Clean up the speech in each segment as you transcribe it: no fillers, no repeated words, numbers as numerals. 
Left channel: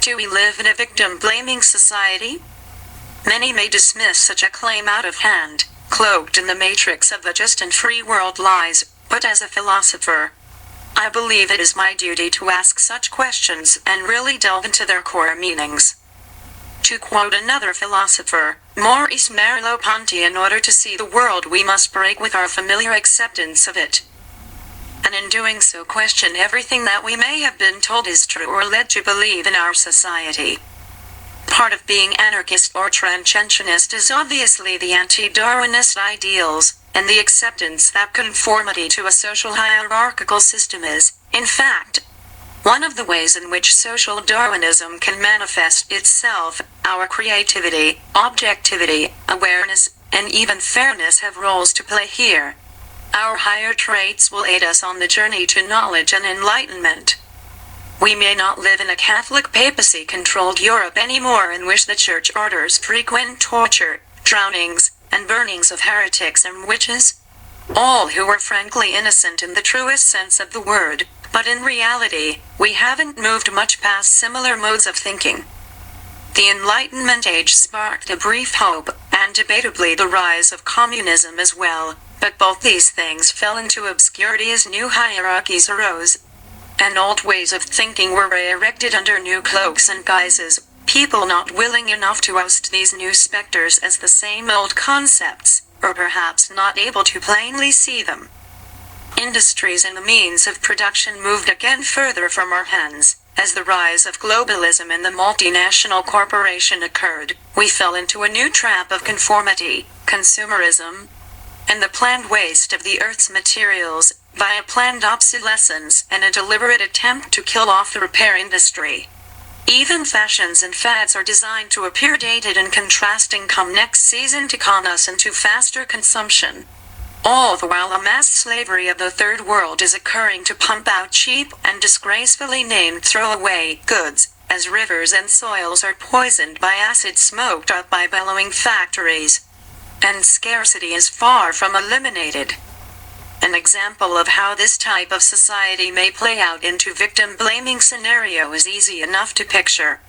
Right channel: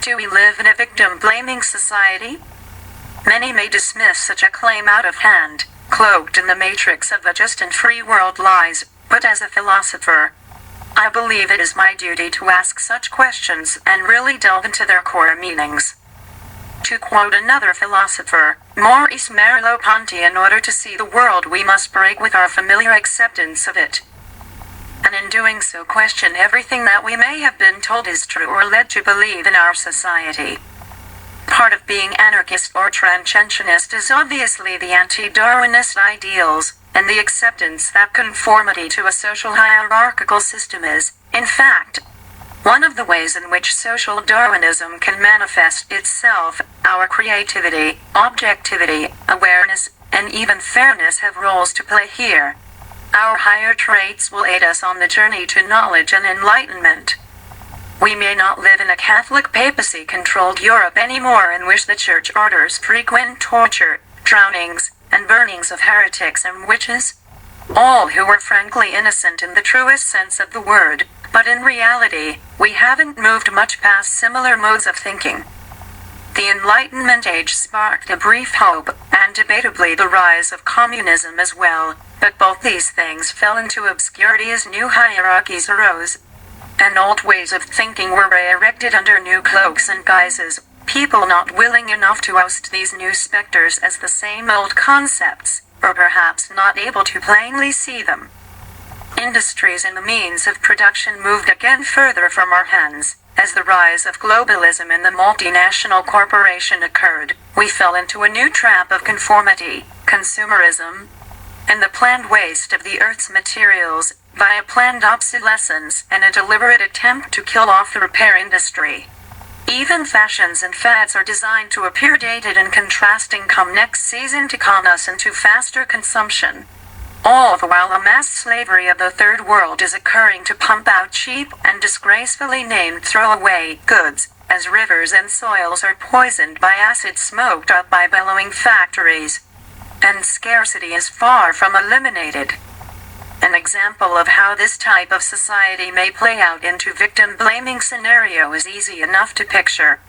Do we live in a victim-blaming society? Many may dismiss such a claim out of hand, cloaked in the matrix of the just and free world lies, but as a philosopher, I believe it is my duty to ask such questions and really delve into their core meanings. To quote another philosopher, Maurice Merleau-Ponty, in order to see the world we must break with our familiar acceptance of it. And in doing so question everything that we may have been told is true or led to believe in our society. Part of being anarchist or trancentionist is obviously the anti-Darwinist ideals, and the acceptance that conformity to a social hierarchical system is, in fact, one of the ways in which social Darwinism can manifest itself. Our creativity, objectivity, awareness, and even fairness have roles to play here. Our higher traits will aid us on the journey to knowledge and enlightenment. We may not live in a Catholic papacy-controlled Europe anymore in which the church orders frequent torture, drownings, and burnings of heretics and witches, all who were frankly innocent in the truest sense of the word, but in reality, we haven't moved much past similar modes of thinking. The Enlightenment age sparked a brief hope, and debatably the rise of communism as well, but both these things fell into obscurity as new hierarchies arose, and old ways of thinking were erected under new cloaks and guises, people not willing enough to oust these new specters as the same old concepts, or perhaps not able to plainly see them. Industries and the means of production moved again further from our hands. As the rise of globalism and the multinational corporation occurred, we fell into a new trap of conformity, consumerism, and the planned waste of the earth's materials, by a planned obsolescence and a deliberate attempt to kill off the repair industry. Even fashions and fads are designed to appear dated and contrasting come next season to con us into faster consumption. All the while a mass slavery of the third world is occurring to pump out cheap and disgracefully named throwaway goods, as rivers and soils are poisoned by acid smoked up by bellowing factories. And scarcity is far from eliminated. An example of how this type of society may play out into victim-blaming scenario is easy enough to picture.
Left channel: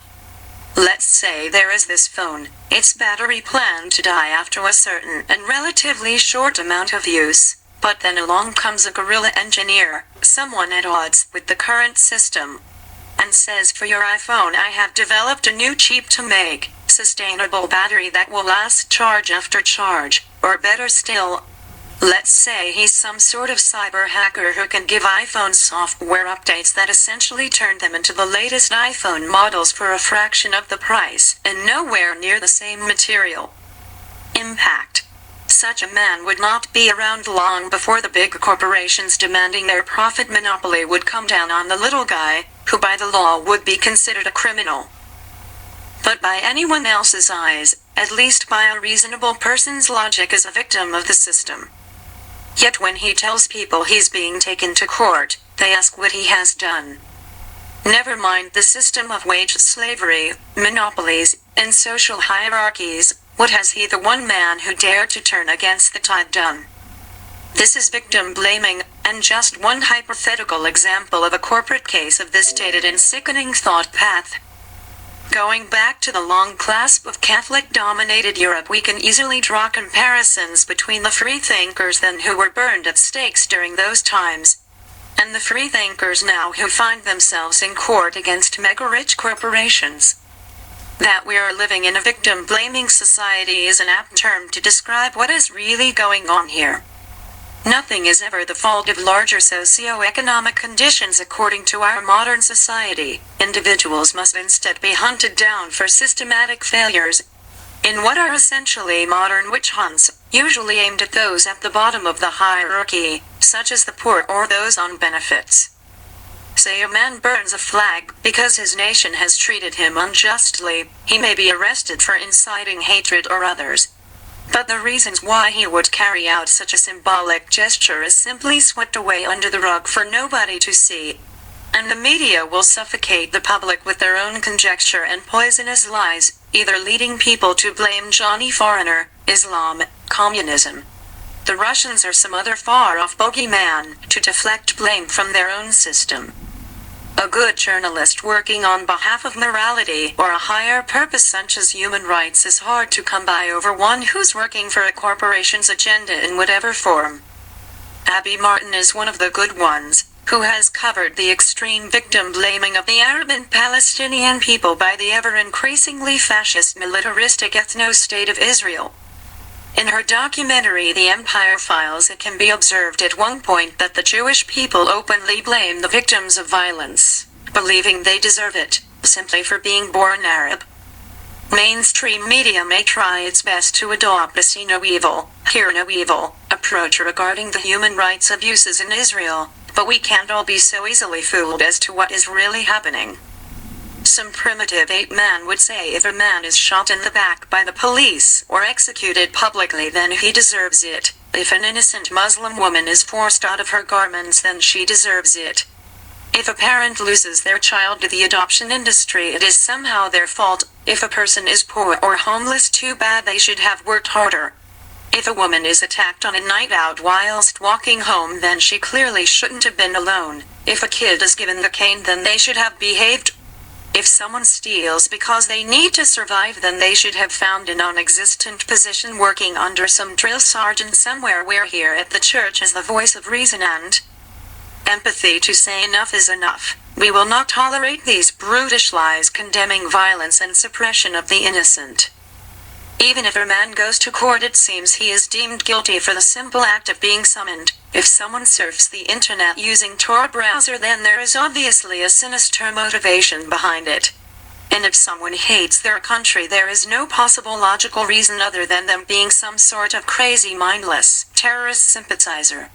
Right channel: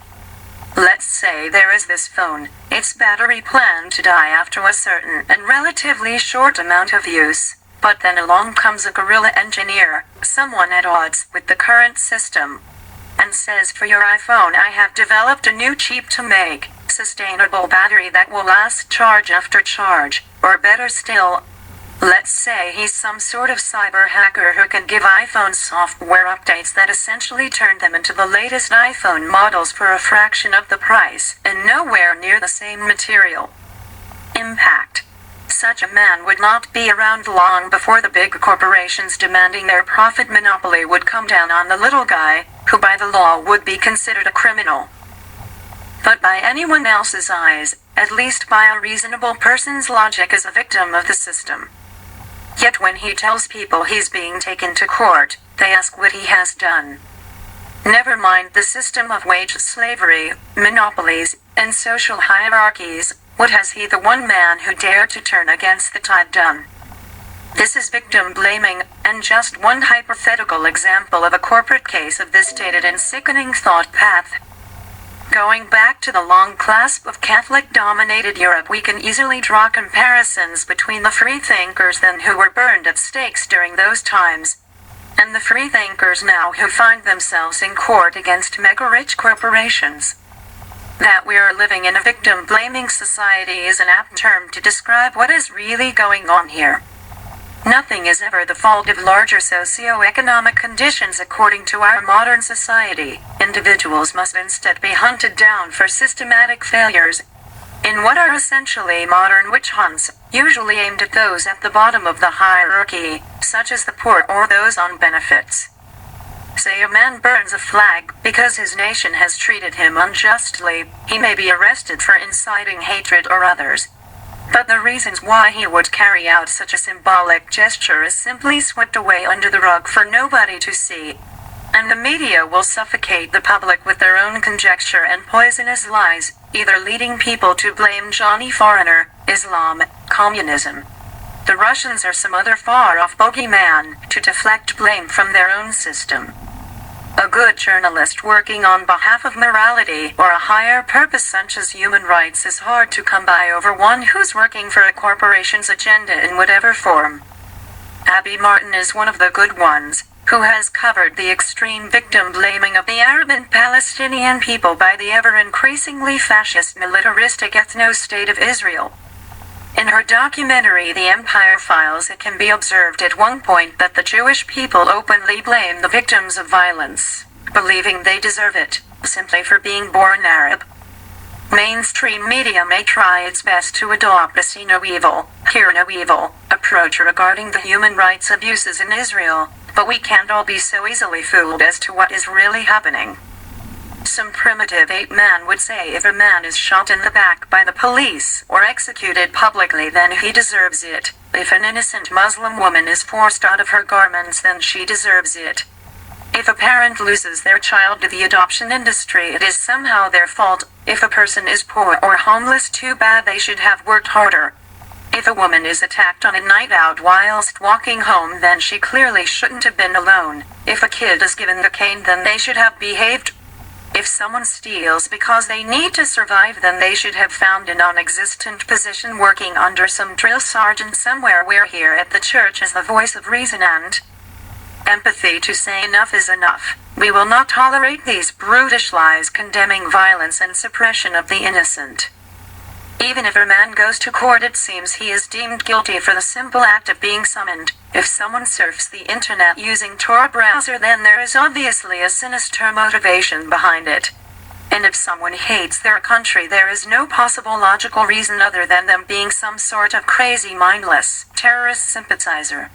Let's say there is this phone, its battery planned to die after a certain and relatively short amount of use, but then along comes a guerrilla engineer, someone at odds with the current system, and says, for your iPhone I have developed a new cheap-to-make, sustainable battery that will last charge after charge, or better still, let's say he's some sort of cyber hacker who can give iPhone software updates that essentially turn them into the latest iPhone models for a fraction of the price, and nowhere near the same material. Impact. Such a man would not be around long before the big corporations demanding their profit monopoly would come down on the little guy, who by the law would be considered a criminal. But by anyone else's eyes, at least by a reasonable person's logic, is a victim of the system. Yet when he tells people he's being taken to court, they ask what he has done. Never mind the system of wage slavery, monopolies, and social hierarchies, what has he, the one man who dared to turn against the tide, done? This is victim blaming, and just one hypothetical example of a corporate case of this dated and sickening thought path. Going back to the long clasp of Catholic-dominated Europe, we can easily draw comparisons between the freethinkers then who were burned at stakes during those times, and the freethinkers now who find themselves in court against mega-rich corporations. That we are living in a victim-blaming society is an apt term to describe what is really going on here. Nothing is ever the fault of larger socio-economic conditions according to our modern society. Individuals must instead be hunted down for systematic failures in what are essentially modern witch hunts, usually aimed at those at the bottom of the hierarchy, such as the poor or those on benefits. Say a man burns a flag because his nation has treated him unjustly, he may be arrested for inciting hatred or others. But the reasons why he would carry out such a symbolic gesture is simply swept away under the rug for nobody to see. And the media will suffocate the public with their own conjecture and poisonous lies, either leading people to blame Johnny Foreigner, Islam, communism, the Russians or some other far-off bogeyman, to deflect blame from their own system. A good journalist working on behalf of morality or a higher purpose such as human rights is hard to come by over one who's working for a corporation's agenda in whatever form. Abby Martin is one of the good ones, who has covered the extreme victim blaming of the Arab and Palestinian people by the ever-increasingly fascist militaristic ethno-state of Israel. In her documentary The Empire Files, it can be observed at one point that the Jewish people openly blame the victims of violence, believing they deserve it, simply for being born Arab. Mainstream media may try its best to adopt a see no evil, hear no evil approach regarding the human rights abuses in Israel, but we can't all be so easily fooled as to what is really happening. Some primitive ape man would say if a man is shot in the back by the police or executed publicly, then he deserves it. If an innocent Muslim woman is forced out of her garments, then she deserves it. If a parent loses their child to the adoption industry, it is somehow their fault. If a person is poor or homeless, too bad, they should have worked harder. If a woman is attacked on a night out whilst walking home, then she clearly shouldn't have been alone. If a kid is given the cane, then they should have behaved. If someone steals because they need to survive, then they should have found a non-existent position working under some drill sergeant somewhere. We're here at the church as the voice of reason and empathy to say enough is enough. We will not tolerate these brutish lies condemning violence and suppression of the innocent. Even if a man goes to court, it seems he is deemed guilty for the simple act of being summoned. If someone surfs the internet using Tor browser, then there is obviously a sinister motivation behind it. And if someone hates their country, there is no possible logical reason other than them being some sort of crazy, mindless, terrorist sympathizer.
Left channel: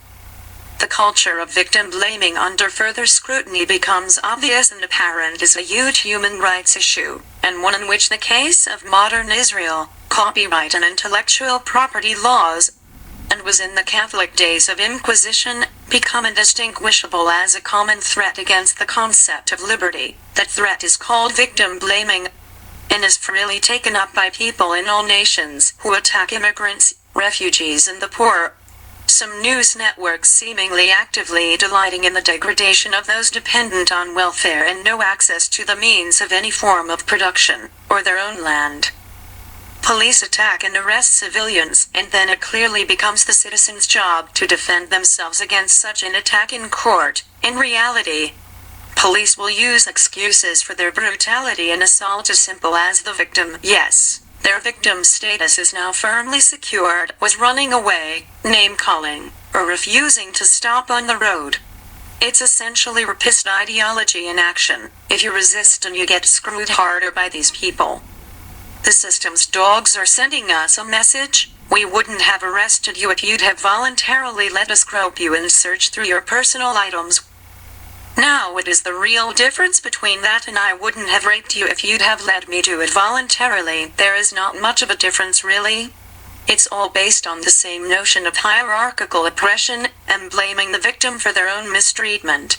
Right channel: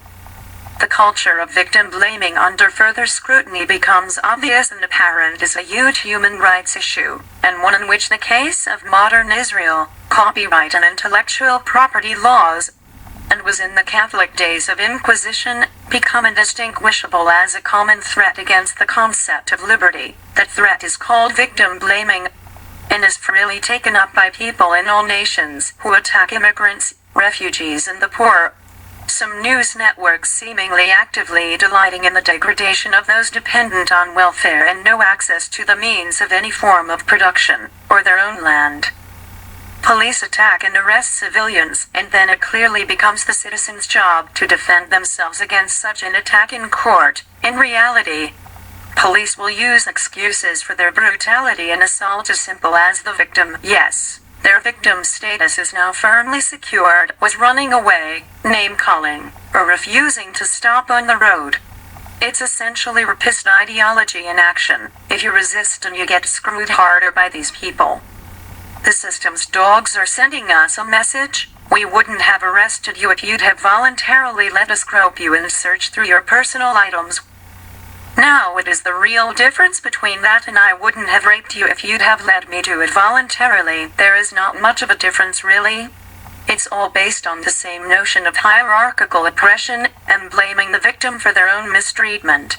The culture of victim blaming under further scrutiny becomes obvious and apparent is a huge human rights issue, and one in which the case of modern Israel, copyright and intellectual property laws, and was in the Catholic days of Inquisition, become indistinguishable as a common threat against the concept of liberty. That threat is called victim blaming, and is freely taken up by people in all nations who attack immigrants, refugees and the poor. Some news networks seemingly actively delighting in the degradation of those dependent on welfare and no access to the means of any form of production, or their own land. Police attack and arrest civilians, and then it clearly becomes the citizens' job to defend themselves against such an attack in court. In reality, police will use excuses for their brutality and assault as simple as the victim, yes, their victim status is now firmly secured, was running away, name-calling, or refusing to stop on the road. It's essentially rapist ideology in action. If you resist, and you get screwed harder by these people. The system's dogs are sending us a message. We wouldn't have arrested you if you'd have voluntarily let us grope you and search through your personal items. Now what is the real difference between that and I wouldn't have raped you if you'd have let me do it voluntarily? There is not much of a difference, really. It's all based on the same notion of hierarchical oppression and blaming the victim for their own mistreatment.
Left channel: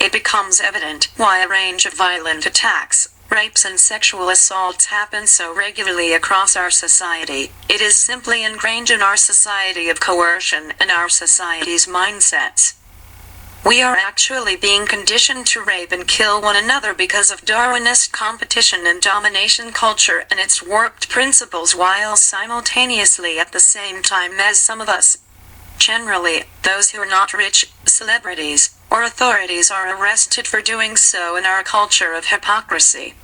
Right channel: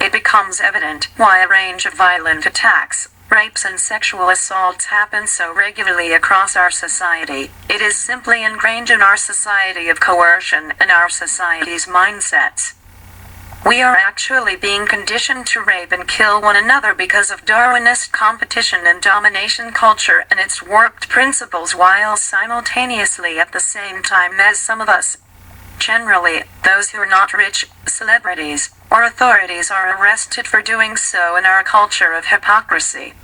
It becomes evident why a range of violent attacks, rapes and sexual assaults happen so regularly across our society. It is simply ingrained in our society of coercion and our society's mindsets. We are actually being conditioned to rape and kill one another because of Darwinist competition and domination culture and its warped principles, while simultaneously at the same time as some of us, generally those who are not rich, celebrities, or authorities, are arrested for doing so in our culture of hypocrisy.